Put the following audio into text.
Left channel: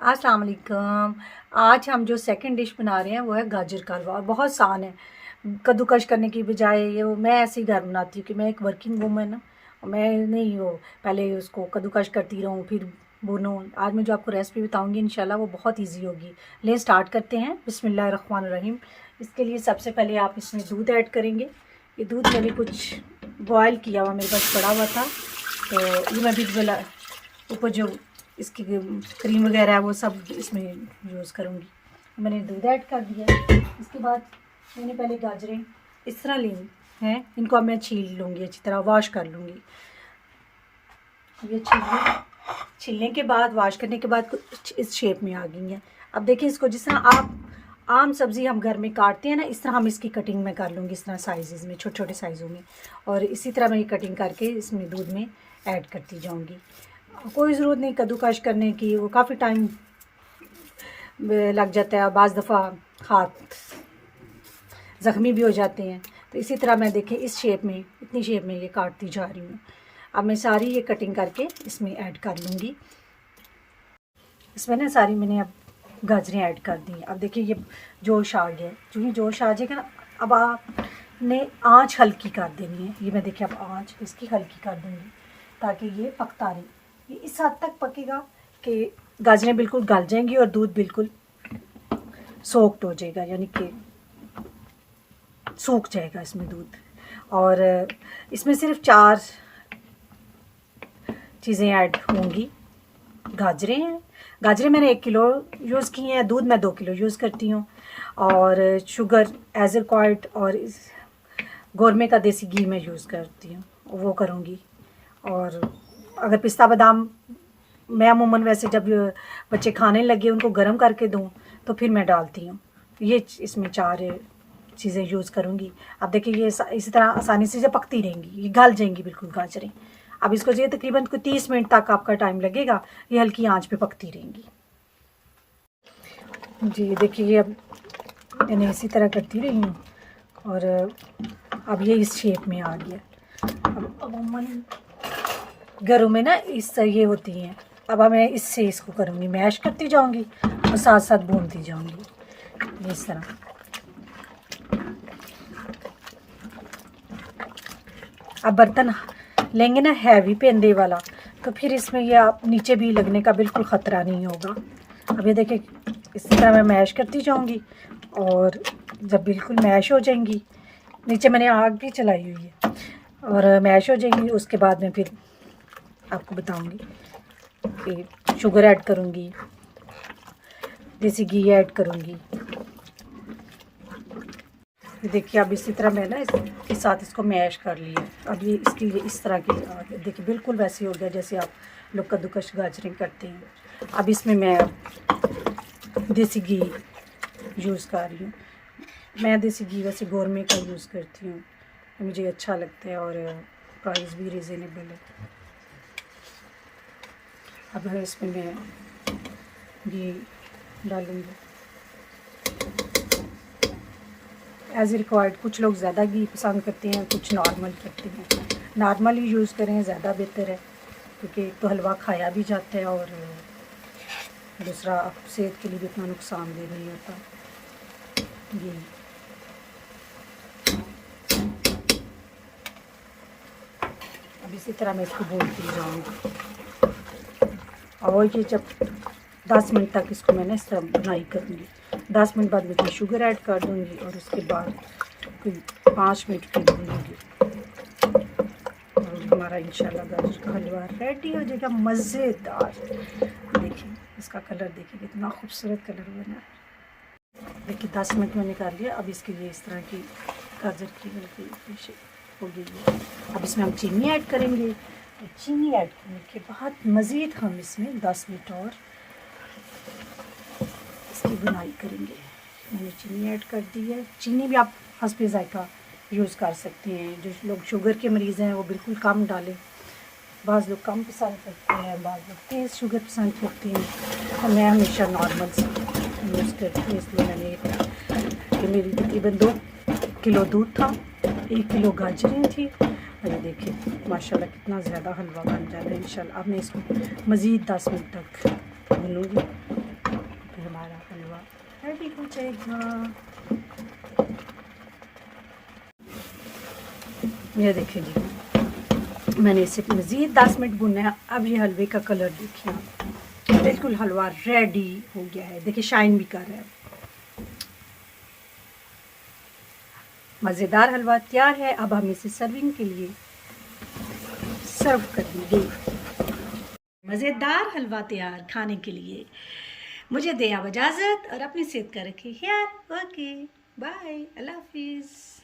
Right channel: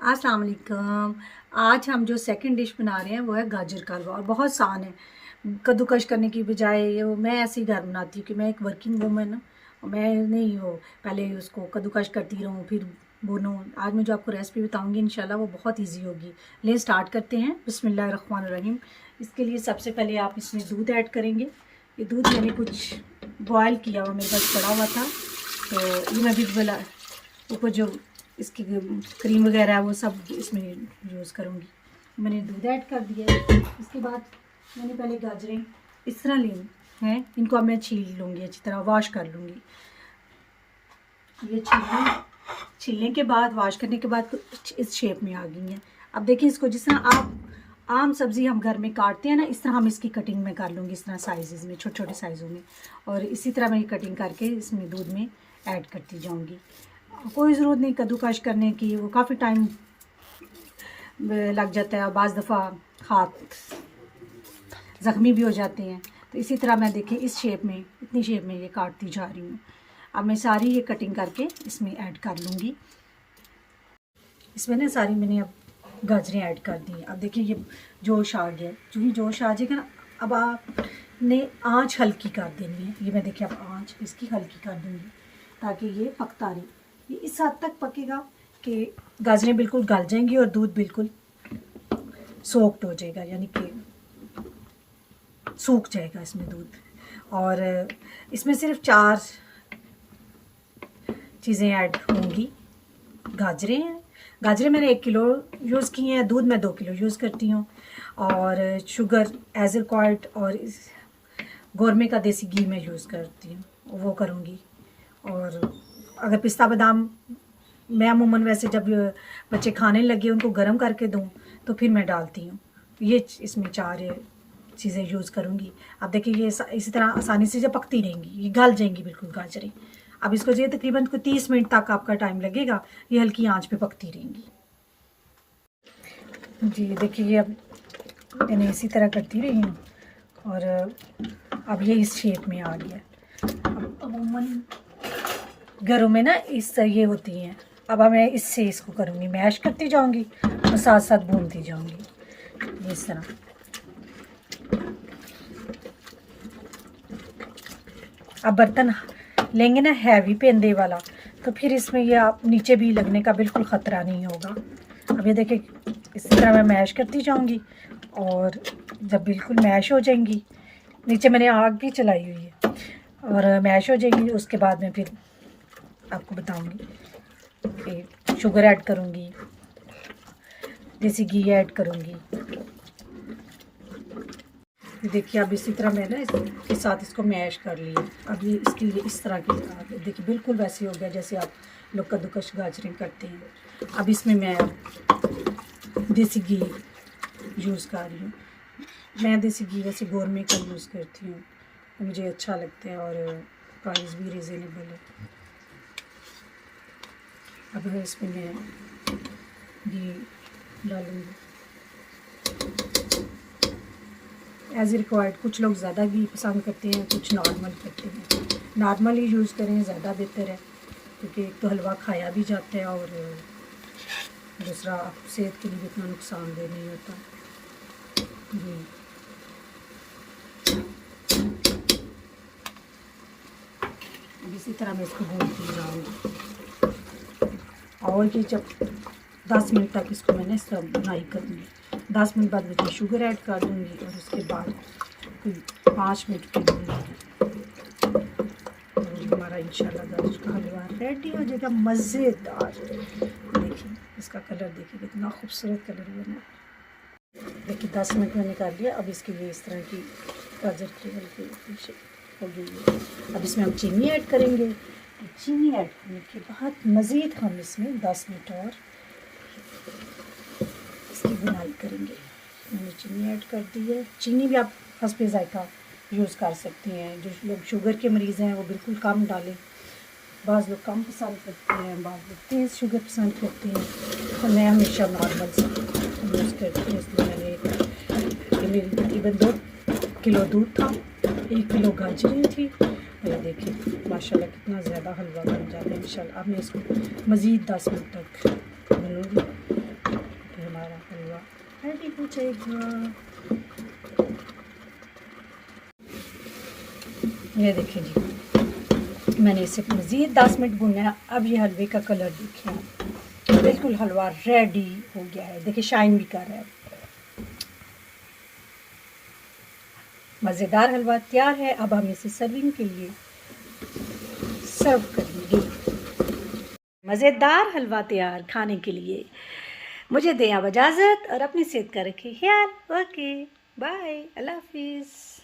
अस्सलाम वालेकुम। आज हम जो सेकंड डिश बना रहे हैं वो है गाजर का हलवा और बहुत आसान है। कद्दूकश करने की बजाय ये मैं ऐसे ही घर बनाती हूँ कि मैं एक वर्किंग वूमन हूँ। मैं नहीं हो पहले उसको कद्दूकश करती रहूँ फिर भूनूँ। आज मैं जो आपको रेसिपी बताऊँगी इंशाल्लाह वो बहुत ईजी होगी। लिए स्टार्ट करते हैं। बिस्मिल्लाहिर्रहमानिर्रहीम। इसके लिए सबसे पहले आप इसमें दूध ऐड करेंगे। ये दूध मैंने कुछ बॉयल किया हुआ मेरे पास पड़ा हुआ था, तो ये मैं भी ऊपर जो इसकी क्रीम वगैरह है वो सब इसमें यूज़ करूँगी। मैंने दूध ऐड कर दिया है। इसके बाद मैंने पहले गाजरें इस तरह ली हैं, इनको अब मैं छील लूँगी, अच्छी तरह वॉश कर लूँगी। ये छीलने के बाद वॉश करने के बाद कुछ इस शेप में आ गई हैं। अब देखिए इसको जिस तरह आप आम सब्ज़ी हम घर में काटते हैं ना, इस तरह हम इसकी कटिंग में कर लूँगी, इस तरह साइज़ में, छोटे छोटे साइज़ों में। और इसी तरह मैं कटिंग करके इसमें दूध में ऐड करती जाऊँगी। कोई ज़रूरत नहीं कद्दूकश करने की, वो काफ़ी टाइम लग जाता है, बाज़ दफ़ा हाथ ज़ख्मी भी हो जाते हैं। तो इसी तरह मैं देखें इस शेप में, इतनी शेप में ये काटती जा रही हूँ। अब मैं सारी ये कटिंग करके इसमें ऐड कर लूँगी। इसमें ना सारी मैंने अब गाजरें ऐड कर दी। अब देखिए ये जोश आ गया, जो ही जोश आ जाएगा ना, अब आपने आँच हल्की कर देनी है। ये मैं देखिए अब आँच इसकी हल्की कर दूँगी ताकि ये पकता रहे। ये इस हद तक पकेगा कि गाजरें बिल्कुल गल जाएंगी और दूध बिल्कुल सोक्ड हो जाएगा, यानी कि सूख जाएगा इसमें दूध। और इसमें सिर्फ 4 चीज़ें ऐड होंगी। गाजरें मैंने 1 किलो यूज़ की हैं, दूध मैं 2 किलो यूज़ करती हूँ, और शुगर एज रिक्वायर्ड, और गोरमे का देसी घी मैं यूज़ करती हूँ, वो करूँगी। और अगर पिस्ता बादाम मैं अमूमन वैसे जब बच्चे खाने लगे उनको गर्म करके दूँ तो फिर मैं डालती हूँ। ये इसमें 4 चीज़ें यूज़ करूँगी। अब देखिए ये इसी तरह आसानी से जब पकती रहेंगी, ये गल जाएंगी बिल्कुल गाजरें। अब इसको ये तकरीबन 30 मिनट तक आपका टाइम लगेगा, ये हल्की आंच पे पकती रहेंगी। जी देखिए ये अब मैंने इसी तरह करती रही हूँ और अब ये इस शेप में आ गया। अमूमन घरों में ना इससे ये होती हैं। अब मैं इससे इसको करूँगी, मैश करती जाऊँगी और साथ साथ भूनती जाऊँगी इस तरह। अब बर्तन लेंगे ना हैवी पेंदे वाला, तो फिर इसमें ये आप नीचे भी लगने का बिल्कुल ख़तरा नहीं होगा। अब ये देखिए इस तरह मैं मैश करती जाऊँगी और जब बिल्कुल मैश हो जाएंगी, नीचे मैंने आग भी चलाई हुई है, और मैश हो जाएंगी उसके बाद में फिर आपको बताऊंगी कि शुगर ऐड करूंगी, देसी घी ऐड करूंगी। देखिए अब इसी तरह मैं ना इसके साथ इसको मैश कर लिया। अब ये इसकी इस तरह की देखिए बिल्कुल वैसे हो गया जैसे आप लोग कद्दूकश गाजरें करते हैं। अब इसमें मैं देसी घी यूज़ कर रही हूँ। मैं देसी घी वैसे गोरमे का यूज़ करती हूँ, मुझे अच्छा लगता है और प्राइस भी रिजनेबल है। अब इसमें मैं घी डालूँगी एज रिक्वायर्ड। कुछ लोग ज़्यादा घी पसंद करते हैं, कुछ नॉर्मल करते हैं। नॉर्मल ही यूज़ करें, ज़्यादा बेहतर है, क्योंकि एक तो हलवा खाया भी जाता है और दूसरा सेहत के लिए भी इतना नुकसानदेह नहीं होता। जी अब इसी तरह मैं इसको भूनती जाऊँगी और ये जब 10 मिनट तक इसको मैंने इस तरह बनाई करनी। 10 मिनट बाद मैं शुगर ऐड कर दूँगी और उसके बाद फिर 5 मिनट के भूनूँगी और हमारा इंशाल्लाह गाजर का हलवा रेडी हो जाएगा, मज़ेदार। देखिए इसका कलर देखिए कितना खूबसूरत कलर बना है। देखिए 10 मिनट मैंने कर लिया। अब इसके लिए इस तरह की गाजर की हल्की हो गई है। अब इसमें हम चीनी ऐड करेंगे। चीनी ऐड करने के बाद मज़ीद हम इसमें 10 मिनट और इसकी बुनाई करेंगे। मैंने चीनी ऐड कर दी है। चीनी भी आप हस्बे ज़ायक़ा यूज़ कर सकती हैं। जो लोग शुगर के मरीज़ हैं वो बिल्कुल कम डालें। बाज़ लोग कम पसंद करते हैं, बाज़ लोग तेज़ शुगर पसंद करते हैं, तो मैं हमेशा नॉर्मल यूज़ करती हूँ। इसलिए मैंने मेरी तकरीबन 2 किलो दूध था, 1 किलो गाजरें थी। ये देखिए माशाल्लाह कितना ज़्यादा हलवा बन जाएगा इंशाल्लाह। अब मैं इसको मज़ीद 10 मिनट तक भूनूँगी रेडी हो जाएगा। ये देखिए जी, मैंने इसे मज़ीद 10 मिनट भुना है। अब ये हलवे का कलर देखिए, बिल्कुल हलवा रेडी हो गया है। देखिए शाइन भी कर रहा है। मज़ेदार हलवा तैयार है। अब हम इसे सर्विंग के लिए सर्व करेंगे। मज़ेदार हलवा तैयार खाने के लिए। मुझे दें अब इजाज़त और अपनी सेहत का रखें ख्याल। ओके बाय, अल्लाह हाफिज़।